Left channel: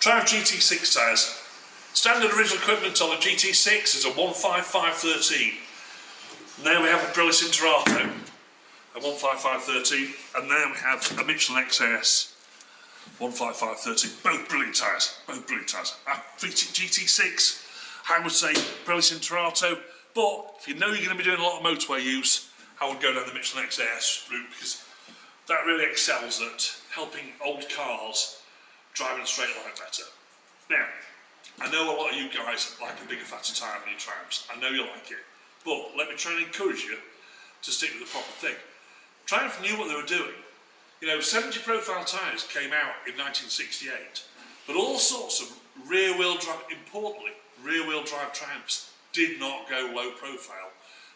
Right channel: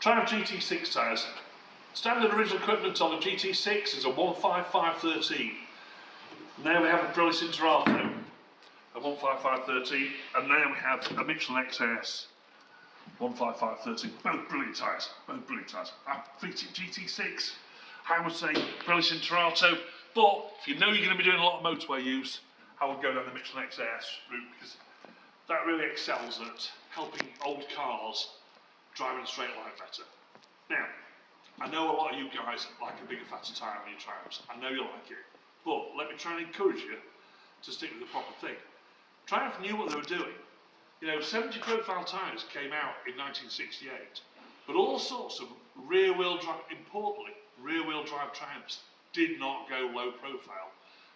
Triumph GT6 tyres. Standard original equipment on the GT6 is a 15513. Now we have a Pirelli Interato, a 15513, and now we have a Michelin XAS 15513. Both brilliant tyres, both brilliant tyres. I featured GT6, I would say Pirelli Interato, but if you know you're going to be doing a lot of motorway use, I would go down the Michelin XAS route because that really excels at helping old cars drive in a straight line better. Now, I know a lot of you guys like a bigger, fatter tyre on your Triumphs. I know you like it, but let me try and encourage you to stick with the proper thing. Triumph knew what they were doing. You know, 70 profile tyres came out in 1968, but all sorts of rear-wheel drive, importantly, rear-wheel drive Triumphs did not go low profile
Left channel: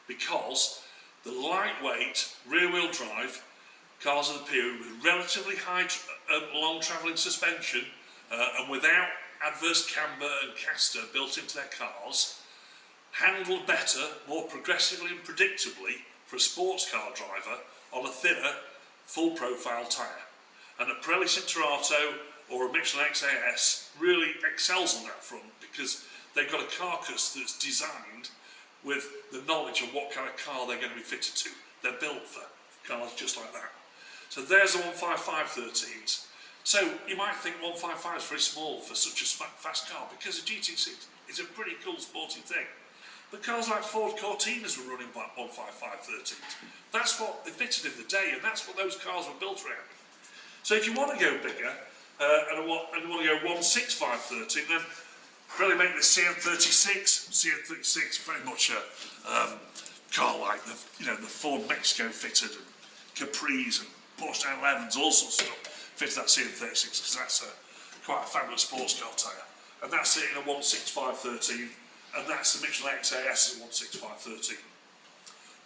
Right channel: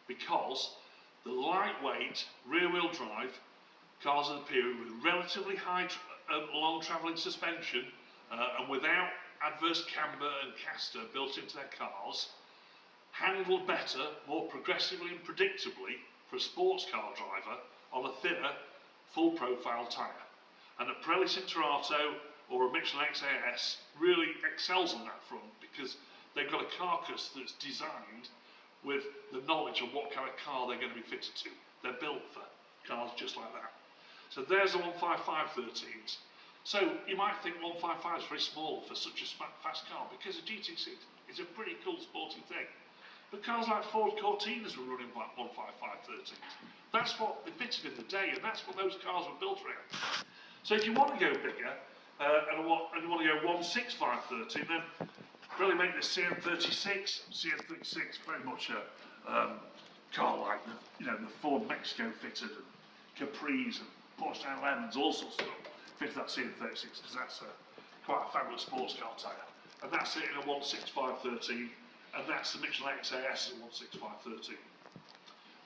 because the lightweight rear-wheel drive cars of the period with relatively high, long travelling suspension and without adverse camber and caster built into their cars, handled better, more progressively and predictably for a sports car driver on a thinner, full profile tyre. And a Pirelli Interato or a Michelin XAS really excels on that front because they've got a carcass that's designed with the knowledge of what kind of car they're going to be fitted to. They're built for cars just like that. So there's the 15513s. So you might think 155 is very small for such a fast car because a GT6 is a pretty cool sporty thing. But cars like Ford Cortinas were running 15513s. That's what they fitted in the day, and that's what those cars were built around. So if you want to go bigger and you want to go 16513, then really make the CN36. CN36 very much a car like the Ford Mexico fitted and Capris and Porsche 911s, all sorts of stuff fitted that CN36 because that's quite a fabulous sports car tyre. And that's it in a 16513, and that's the Michelin XAS in 16513.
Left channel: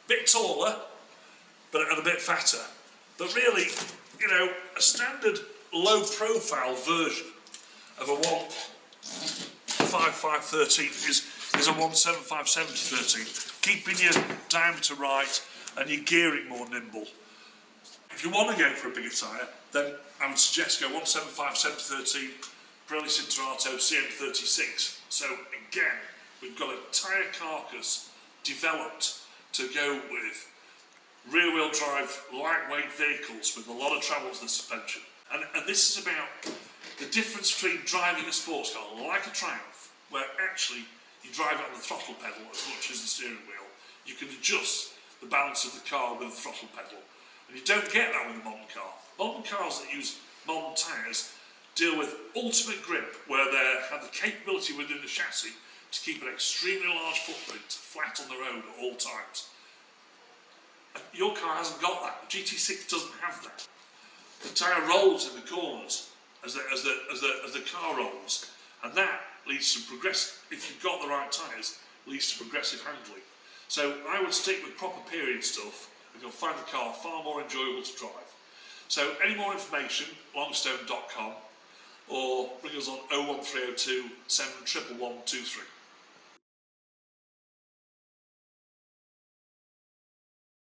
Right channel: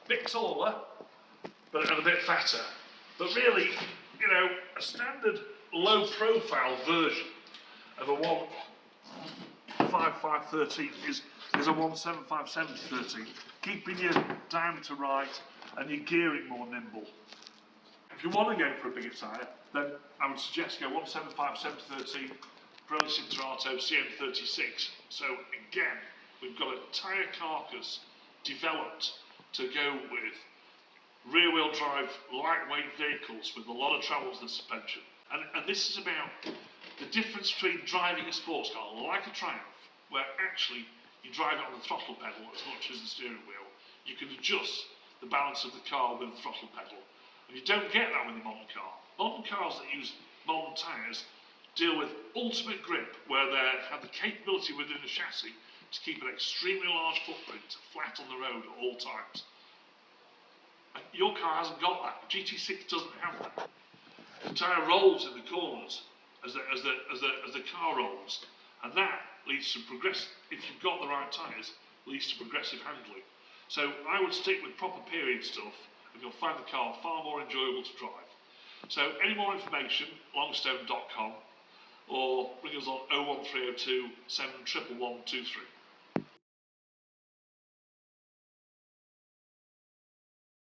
Bit taller, but a bit fatter. But really, you know, a standard low profile version of a 15513 is a 1757013, keeping your diameter right and your gearing more nimble. If you want to go for a bigger tyre, then I would suggest go 1757013, Pirelli Interato CN36. So again, we've got a tyre carcass developed to go with rear-wheel drive, lightweight vehicles with a lot of travel to the suspension. And this is about the difference between driving a sports car like a Triumph, where actually you drive it on the throttle pedal as much as the steering wheel. You can adjust the balance of the car with the throttle pedal. And you don't get that with a modern car. Modern cars that use modern tyres deal with ultimate grip, where they have the capability within the chassis to keep an extremely large footprint flat on the road at all times. And your car hasn't got that. The GT6 doesn't have that. The tyre rolls in the corners as the car rolls, and that leads to progressive. If you've got the right tyres, leads to progressive handling. So I would stick with proper period stuff, and you'll find the car far more enjoyable to drive. So any more information, longstone.com, or ring us on 01302 711 123.